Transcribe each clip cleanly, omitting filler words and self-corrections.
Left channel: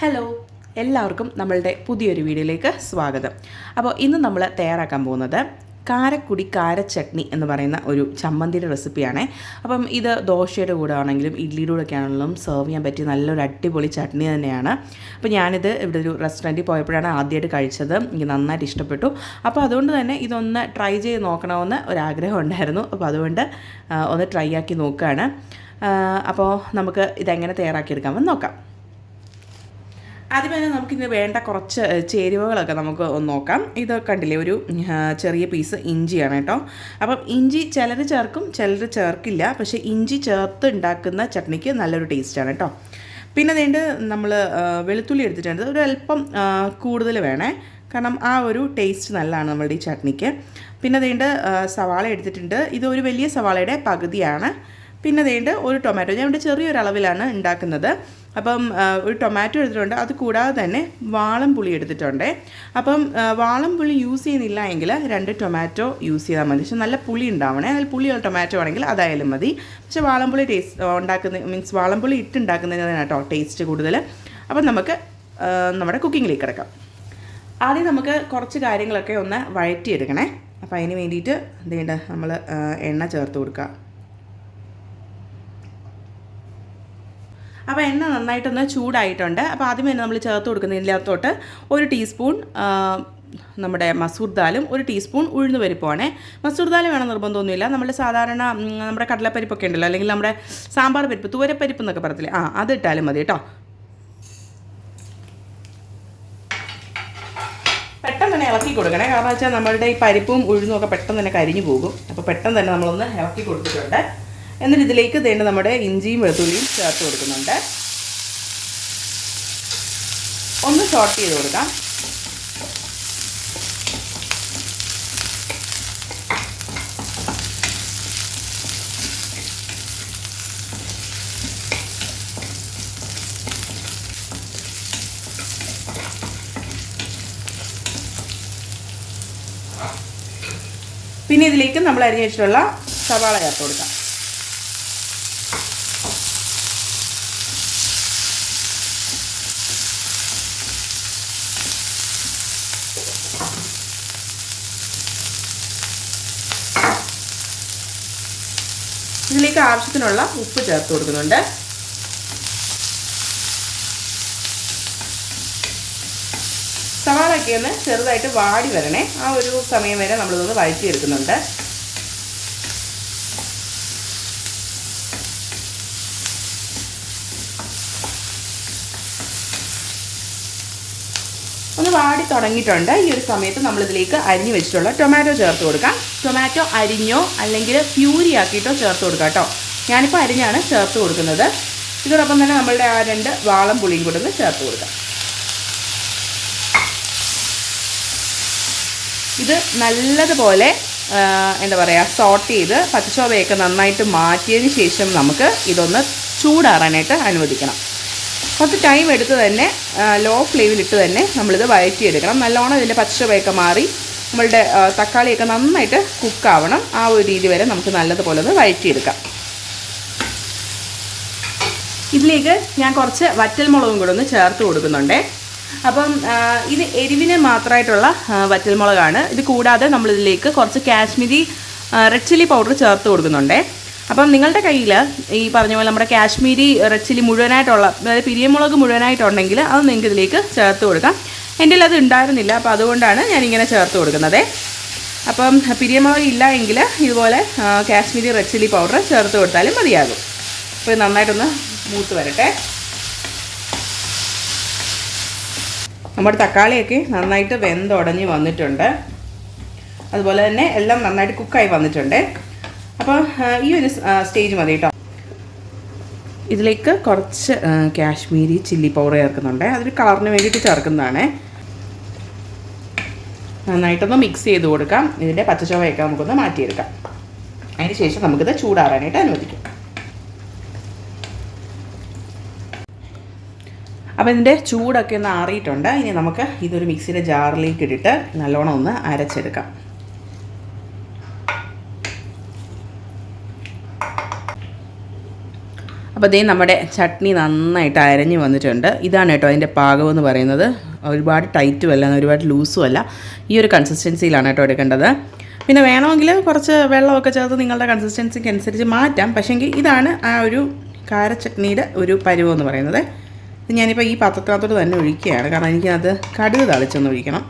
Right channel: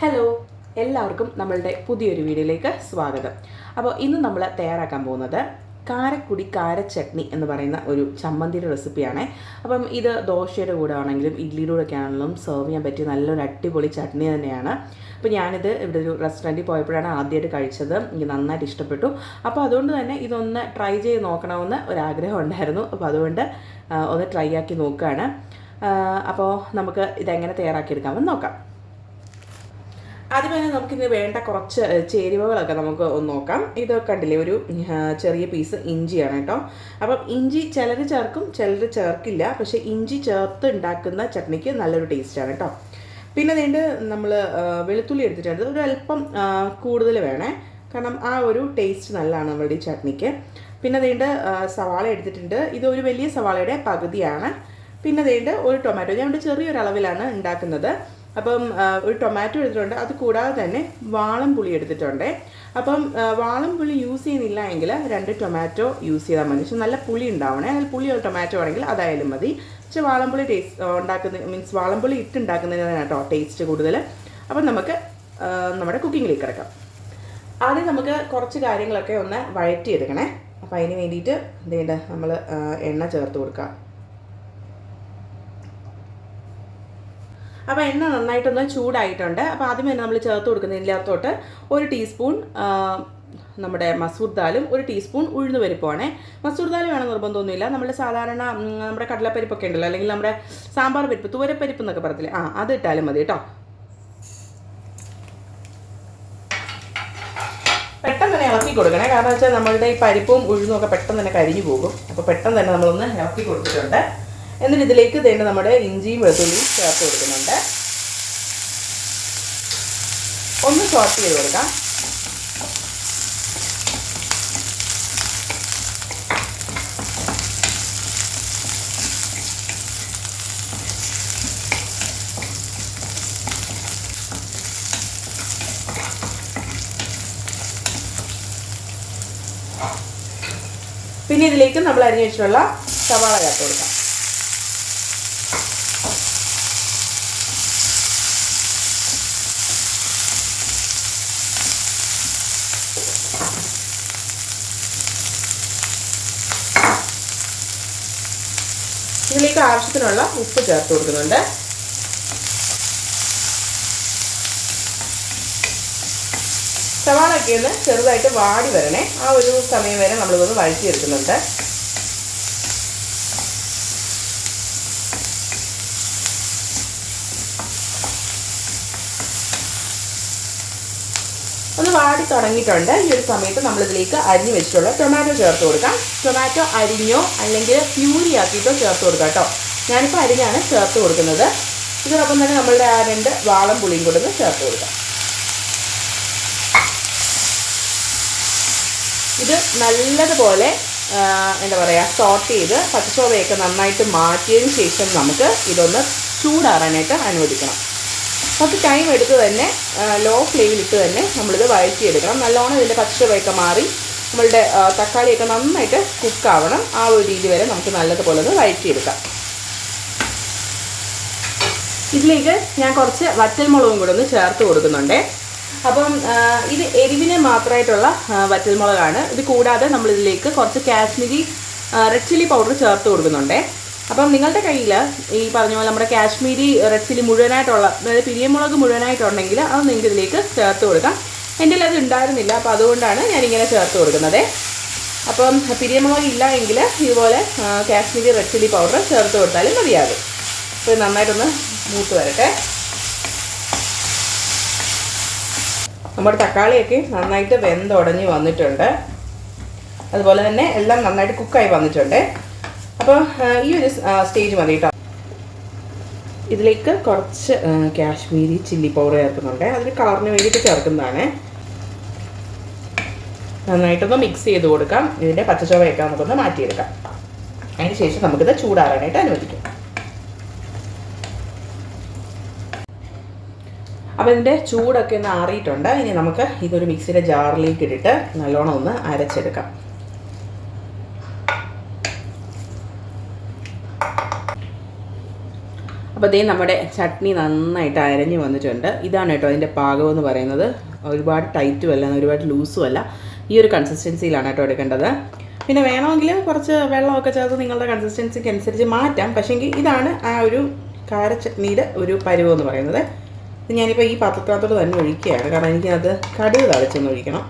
Hello, എല്ലാവർക്കും നമ്മളുടെ പുതിയൊരു വീഡിയോയിലേക്ക് സ്വാഗതം. അപ്പോൾ ഇന്ന് നമ്മൾ തയ്യാറാക്കാൻ പോകുന്നത് കാരക്കുടി കാരച്ചട്നി എന്ന് പറയുന്ന ഒരു ചമ്മന്തിയുടെ റെസിപ്പിയാണ്. അപ്പം ഇത് ദോശയുടെ കൂടെ ആണെങ്കിലും ഇഡ്ലിയുടെ കൂടെ ഒക്കെ ആണെങ്കിലും സെർവ് ചെയ്യാൻ പറ്റിയ നല്ലൊരു അടിപൊളി ചട്നി തന്നെയാണ്. അപ്പോൾ ഞാനിത് ഇവിടെ ഒരു റെസ്റ്റോറൻറ്റിൽ പോയപ്പോഴാണ് ആദ്യമായിട്ട് കഴിച്ചത്. എനിക്ക് നന്നായിട്ട് ഇഷ്ടപ്പെട്ടു. അപ്പോൾ അതുകൊണ്ട് തന്നെ ഇതൊന്ന് ട്രൈ ചെയ്ത് നോക്കണമെന്ന് ഒരാഗ്രഹം ഉണ്ടായിരുന്നു. അപ്പോൾ അതുകൊണ്ട് ഒന്ന് ട്രൈ ആക്കി നോക്കുകയാണ്. അപ്പോൾ നമുക്ക് ഇതെങ്ങനെ തയ്യാറാക്കിയെടുക്കാമെന്ന് നോക്കാം. ആദ്യമേ നമുക്കിന്ന് വേണ്ട കുറച്ച് ചേരുവകളൊക്കെ നമുക്ക് ഒന്ന് നോക്കാം. ഇത് കണ്ടില്ലേ, ഒരു ചെറിയ പീസ് ഇഞ്ചിയാണ് കേട്ടോ. അപ്പം ഇഞ്ചി ചിലർ ചേർക്കും, ചിലർ ചേർക്കില്ല. പക്ഷേ ഇഞ്ചി ചേർത്ത് ഉണ്ടാക്കുന്ന ചട്നിക്ക് നല്ലൊരു ടേസ്റ്റാണ് കേട്ടോ. പിന്നെ അതുകൊണ്ട് നമ്മൾ വെളുത്തുള്ളി എടുത്തിട്ടുണ്ട്. ഒരു അല്പം കൂടുതൽ വേണേ, കാരണം ആ ഒരു ടേസ്റ്റ് നല്ലതാണ് നമ്മളുടെ ഈ ചട്നിക്ക്. പിന്നെ അതുകൊണ്ട് സവാള എടുത്തിട്ടുണ്ട്. ഇത് ഒരു വലിയ സവാളയുടെ പകുതിയാണ്. പിന്നെ അതുകൊണ്ട് ഒരു ടൊമാറ്റോ, ഞാൻ ഇവിടെ ചെറിയൊരു അളവിലാണ് ഉണ്ടാക്കുന്നത്. അപ്പം ഒരു ടൊമാറ്റോ എടുത്തിട്ടുണ്ട്. അത് കൂടാതെ തന്നെ വാളംപുളി എടുത്തിട്ടുണ്ട്. അപ്പം വാളംപുളി യൂസ് ചെയ്യുന്നില്ല എങ്കിൽ 2 ടൊമാറ്റോ യൂസ് ചെയ്താൽ മതി. പക്ഷെ നല്ല പുളി ഉണ്ടാവണേ. അതിൽ പുളിയുള്ള ടൊമാറ്റോ ആണെങ്കിൽ അതായാലും മതി. പക്ഷെ വാളംപുളി മീൻസ് വാളംപുളി ഇട്ടുണ്ടാക്കുന്നതിനാണ് കേട്ടോ ടേസ്റ്റ് കൂടുതൽ. അപ്പം നമുക്ക് നമ്മുടെ കുക്കിങ്ങിലേക്ക് കിടക്കാം. ആദ്യം നമുക്ക് കുറച്ച് കാര്യങ്ങളൊക്കെ ഒന്ന് വഴറ്റിയെടുക്കണേ. അപ്പം അതിന് വേണ്ടിയിട്ട് എന്തുണ്ട്, നമ്മൾ എണ്ണ ചേർത്ത് കൊടുക്കാം. അപ്പോൾ എണ്ണ നന്നായിട്ടൊന്ന് ചൂടായിട്ടുണ്ട്. അപ്പോൾ ആദ്യം തന്നെ നമ്മൾ ചേർത്ത് കൊടുക്കുന്നതിനകത്തോട്ട് 1 ടീസ്പൂൺ നമ്മുടെ മസൂർ ദാലും 1 ടീസ്പൂൺ ഉഴുന്ന് പരിപ്പുമാണ്. മസൂർ ദാൽ വേണം നിർബന്ധമൊന്നുമില്ല. നമ്മൾ സാധാരണ നമ്മുടെ കടലപ്പരിപ്പൊക്കെ ഉണ്ടല്ലോ, അല്ലെങ്കിൽ നമ്മുടെ സാമ്പാർ പരിപ്പ്, തൂരപ്പരിപ്പ് എന്നൊക്കെ പറയത്തില്ലേ, അത് ഇട്ടാലും മതി കേട്ടോ. പെട്ടെന്ന് തന്നെ ഇളക്കി കൊടുക്കണേ. കാരണം വെച്ചാൽ നമ്മളുടെ ഈ പരിപ്പും ഉഴുന്നും ഒക്കെ പെട്ടെന്ന് തന്നെ കരിഞ്ഞു പോകും. അപ്പോൾ പെട്ടെന്ന് തന്നെ നമ്മളൊന്ന് ഇളക്കി കൊടുത്തിട്ടുണ്ട്. എന്നിട്ട് ഇതിലേക്ക് തേണ്ട നമ്മുടെ ഇഞ്ചിയും വെളുത്തുള്ളിയും ചേർത്ത് കൊടുക്കുന്നുണ്ട്. ഒന്ന് സോട്ട് ചെയ്ത് കൊടുക്കാം. പിന്നെ ഇതിലേക്ക് നമ്മൾ അരിഞ്ഞു വെച്ചിട്ടുള്ള സവാള ചേർത്ത് കൊടുക്കാം. ഇതിലേക്ക് ആവശ്യത്തിനുള്ള ഉപ്പ് ചേർത്ത് കൊടുക്കുന്നുണ്ട്. സവാളയൊക്കെ ഒന്ന് ചെറുതായിട്ട് വാടി വരണേ. ആ ഒരു സമയം വരെ നമ്മളിതൊന്ന് വഴറ്റിയെടുക്കുന്നുണ്ട്. ഒന്ന് വാടി തുടങ്ങിയിട്ടുണ്ട്. ഈ ഒരു സമയത്ത് നമ്മളിതിലേക്ക് അരിഞ്ഞു വെച്ചിട്ടുള്ള ടൊമാറ്റോ ചേർത്ത് കൊടുക്കാം. ടൊമാറ്റോ അരിഞ്ഞോ അല്ലെങ്കിൽ പ്യൂരി ആക്കിയിട്ടോ ചേർത്ത് കൊടുക്കാം കേട്ടോ. ഞാനിപ്പോൾ അരിഞ്ഞാണ് ചേർത്ത് കൊടുക്കുന്നത്. ഇതോടൊപ്പം തന്നെ നമ്മളുടെ ആ 2 വാളംപുളിയും കൂടെ ഒന്ന് ചേർത്ത് കൊടുക്കാം. ഇത് നല്ലതുപോലെ എന്താ പറയുക, സോട്ട് ചെയ്ത് പച്ചച്ചോവയൊക്കെ നന്നായിട്ട് മാറ്റിയതിന് ശേഷം നമുക്ക് ഇതൊന്ന് ചൂടാറാനായിട്ട് അനുവദിക്കണം. കുറച്ച് ടൈം എടുത്ത് തന്നെ ലോ ഫ്ലെയിമിലിട്ട് തന്നെ നമ്മളിത് വഴറ്റിയെടുക്കണം. നല്ലോണം ഇതിൻ്റെ പച്ചവയൊക്കെ മാറി നമ്മളുടെ തക്കാളിയൊക്കെ നന്നായിട്ട് കുക്കാവണം. ആ ഒരു രീതി വരെ നമുക്ക് നല്ലതുപോലെ ഒന്ന് വഴറ്റിയെടുക്കാം. ഇതിലേക്ക് ഞാൻ കുറച്ച് വറ്റൽമുളകും കൂടെ ഒന്ന് ചേർത്ത് കൊടുക്കുന്നുണ്ട്. അപ്പം ഇത് എരിവിന് മാത്രമായിട്ടുള്ള വറ്റൽമുളകാണ്. ഇത് കൂടാതെ നമ്മളിതിലേക്ക് കുറച്ച് കാശ്മീരി റെഡ് ചില്ലി പൗഡർ ചേർത്ത് കൊടുക്കുന്നുണ്ട്. അപ്പം നിങ്ങളുടെ കയ്യിൽ ഈ പറഞ്ഞ പോലെ നമ്മുടെ കാശ്മീരി റെഡ് ചില്ലി മുഴുവനായിട്ടുള്ള, അതായത് പിരിയമുളക് മുഴുവനായിട്ടുണ്ടെങ്കിൽ അത് നിങ്ങൾക്ക് ഇതിലേക്ക് ചേർത്ത് കൊടുക്കാം. എൻ്റെ അത് ഉണ്ടായിരുന്നില്ല, അപ്പോൾ അതുകൊണ്ടാണ് ഞാനിങ്ങനെ ചേർത്ത് കൊടുക്കുന്നത്. അപ്പം പിരിയമുളക് ഇല്ല എങ്കിൽ ഇതുപോലെ കാശ്മീരി റെഡ് ചില്ലി പൗഡർ ചേർത്ത് കൊടുത്താലും മതിയാകും. അപ്പോൾ നന്നായിട്ടൊന്ന് മൂത്ത് വരട്ടെ. നമ്മുടെ തക്കാളിയൊക്കെ നന്നായിട്ട് വെന്തുടഞ്ഞ് വന്നിട്ടുണ്ട്. അതുപോലെ തന്നെ എല്ലാം നന്നായിട്ട് കുക്കായി വന്നിട്ടുണ്ട്. അപ്പോൾ ഈ ഒരു സ്റ്റേജ് മതി കേട്ടോ. ഇതിലേക്ക് കുറച്ച് കാശ്മീരി ചില്ലി പൗഡർ ചേർക്കുന്നുണ്ട്. അതിന് കളറിന് വേണ്ടിയിട്ട് ചേർക്കുന്നതാണ്. നന്നായിട്ടൊന്ന് മിക്സ് ചെയ്ത് കൊടുക്കാം. ഇതിൻ്റെ പച്ചച്ചോവയൊക്കെ നമുക്കൊന്ന് മാറ്റിയെടുക്കാം. അതിന് ശേഷം നമുക്കിത് ചൂടാറാനായിട്ട് അനുവദിക്കാം. അപ്പോൾ ഇതിൻ്റെ ചൂടൊക്കെ ഒന്ന് ആറിയിട്ടുണ്ട്. ഇനി നമുക്ക് ഇതൊരു മിക്സിയുടെ ജാറിലേക്ക് ഇട്ടിട്ട് നല്ലോണം ഒന്ന് അരച്ചെടുക്കാം. അപ്പോൾ അതേ നമ്മുടെ ചട്നി നന്നായിട്ട് അരഞ്ഞ് വന്നിട്ടുണ്ട്. ഇതാണ് കേട്ടോ അതിൻ്റെ പാകമെന്ന് പറയുന്നത്. ഒരുപാട് ടൈറ്റും അല്ല, ഒരുപാട് ലൂസും അല്ല. ഈ ഒരു കൺസിസ്റ്റൻസിയിലാണ് കേട്ടോ എടുക്കേണ്ടത്. പിന്നെ വേണമെങ്കിൽ കുറച്ച് വെള്ളമൊക്കെ ചേർത്ത് നിങ്ങളുടെ കൺസിസ്റ്റൻസിക്ക് അനുസരിച്ച് മാറ്റാം. പക്ഷേങ്കിൽ ഇതാണ് ആ ഒരു കാരച്ചട്നിയുടെ ഒരു പരുവം എന്ന് പറയുന്നത്. ഇത് ഞാനിപ്പോൾ ഈ പാത്രത്തിനകത്തോട്ട് തന്നെ ഒഴിക്കുകയാണ്, കാരണം എനിക്കത് കടുക് തളിച്ചൊന്ന് ഒഴിക്കണം.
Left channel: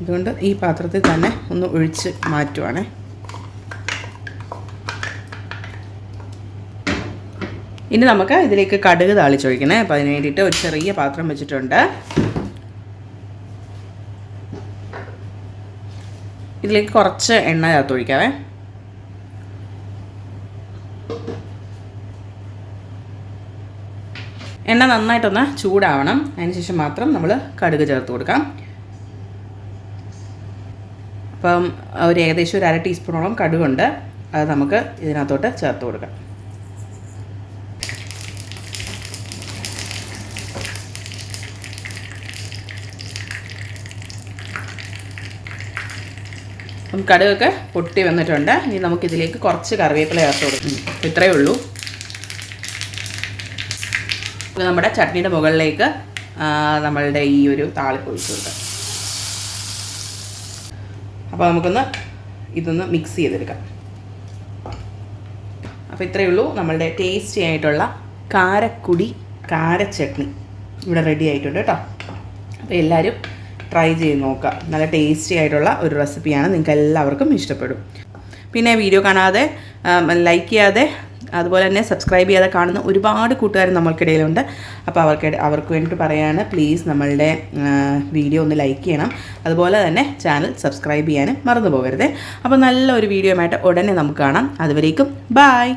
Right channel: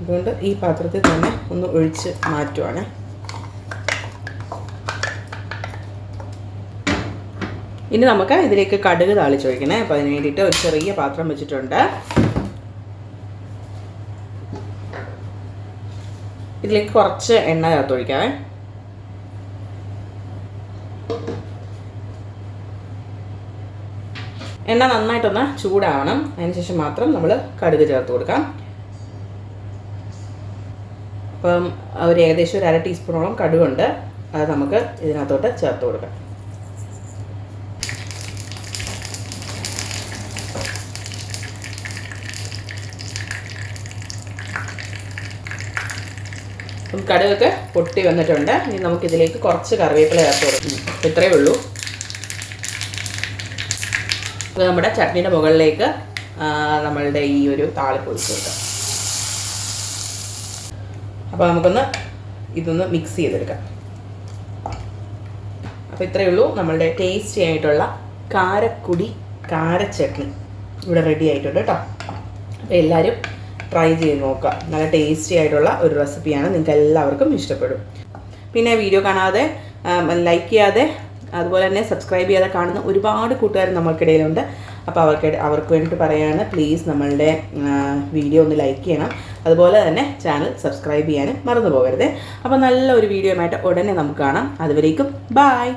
അതുകൊണ്ട് ഈ പാത്രത്തിൽ തന്നെ ഒന്ന് ഒഴിച്ച് മാറ്റുവാണേ. ഇനി നമുക്ക് ഇതിലേക്ക് കടുക് താളിച്ചൊഴിക്കണേ. അപ്പോൾ അതിന് വേണ്ടിയിട്ട് ഒരു ചെറിയ പാത്രം വെച്ചിട്ടുണ്ട്. ഇതിലേക്ക് കുറച്ച് എണ്ണ ചേർത്ത് ഒഴിക്കാവേ. എണ്ണ നന്നായിട്ടൊന്ന് ചൂടാവണം. അതിനുശേഷം മാത്രം നമ്മൾ കടുക് ചേർത്ത് കൊടുക്കാം. അപ്പം ഏകദേശം ഒരു 1/2 ടീസ്പൂണോളം കടുകുണ്ട്. അത് നമുക്ക് ഇതിനകത്തോട്ട് ചേർത്ത് കൊടുക്കാം. അപ്പം കടുകൊക്കെ പൊട്ടി വന്നിട്ടുണ്ട്. ഇനി നമുക്കിതിലേക്ക് കുറച്ച് കറിവേപ്പില ചേർത്ത് കൊടുക്കും. ഇത്രയേ ഉള്ളൂ. ഇത് നമ്മുടെ ചട്നിയുടെ മുകളിലേക്ക് നമ്മളുടെ ഈ ഒരു താളിപ്പ് ഒഴിച്ച് കൊടുക്കാം. അപ്പോൾ നമുക്കൊന്ന് ഇതൊന്ന് മിക്സ് ചെയ്തെടുക്കാം. അപ്പോൾ ഇത്രയേ ഉള്ളൂ, നമ്മളുടെ ടേസ്റ്റി ആയിട്ടുള്ള കാരച്ചട്നി ഇവിടെ റെഡി ആയിട്ടുണ്ട് കേട്ടോ. അപ്പോൾ എല്ലാവരും ട്രൈ ചെയ്ത് നോക്കുക. നല്ല ടേസ്റ്റി ആയിട്ടുള്ള ഒരു റെസിപ്പിയാണ്, നിങ്ങൾക്ക് എല്ലാവർക്കും ഇഷ്ടപ്പെടും. പിന്നെ വീഡിയോ കാണാതെ ലൈക്ക് ചെയ്യാതെ അതുപോലെ തന്നെ സബ്സ്ക്രൈബ് ചെയ്യാതെ കാണുന്ന ഒരുപാട് കൂട്ടുകാർ നമ്മൾക്കിടയിലുണ്ട്. അപ്പോൾ അവർക്ക് വേണ്ടിയിട്ട് പറയാണ്, പ്ലീസ് നമ്മളുടെ വീഡിയോ ഒന്ന് ലൈക്ക് ചെയ്യണം. അതുപോലെ തന്നെ ചാനൽ സബ്സ്ക്രൈബ് ചെയ്യാനും മറന്നു പോകരുത്. അപ്പോൾ നല്ലൊരു വീഡിയോ ആയിട്ട് ഉടനെ നമുക്ക് കാണാം. അതുവരേക്കും ബൈ.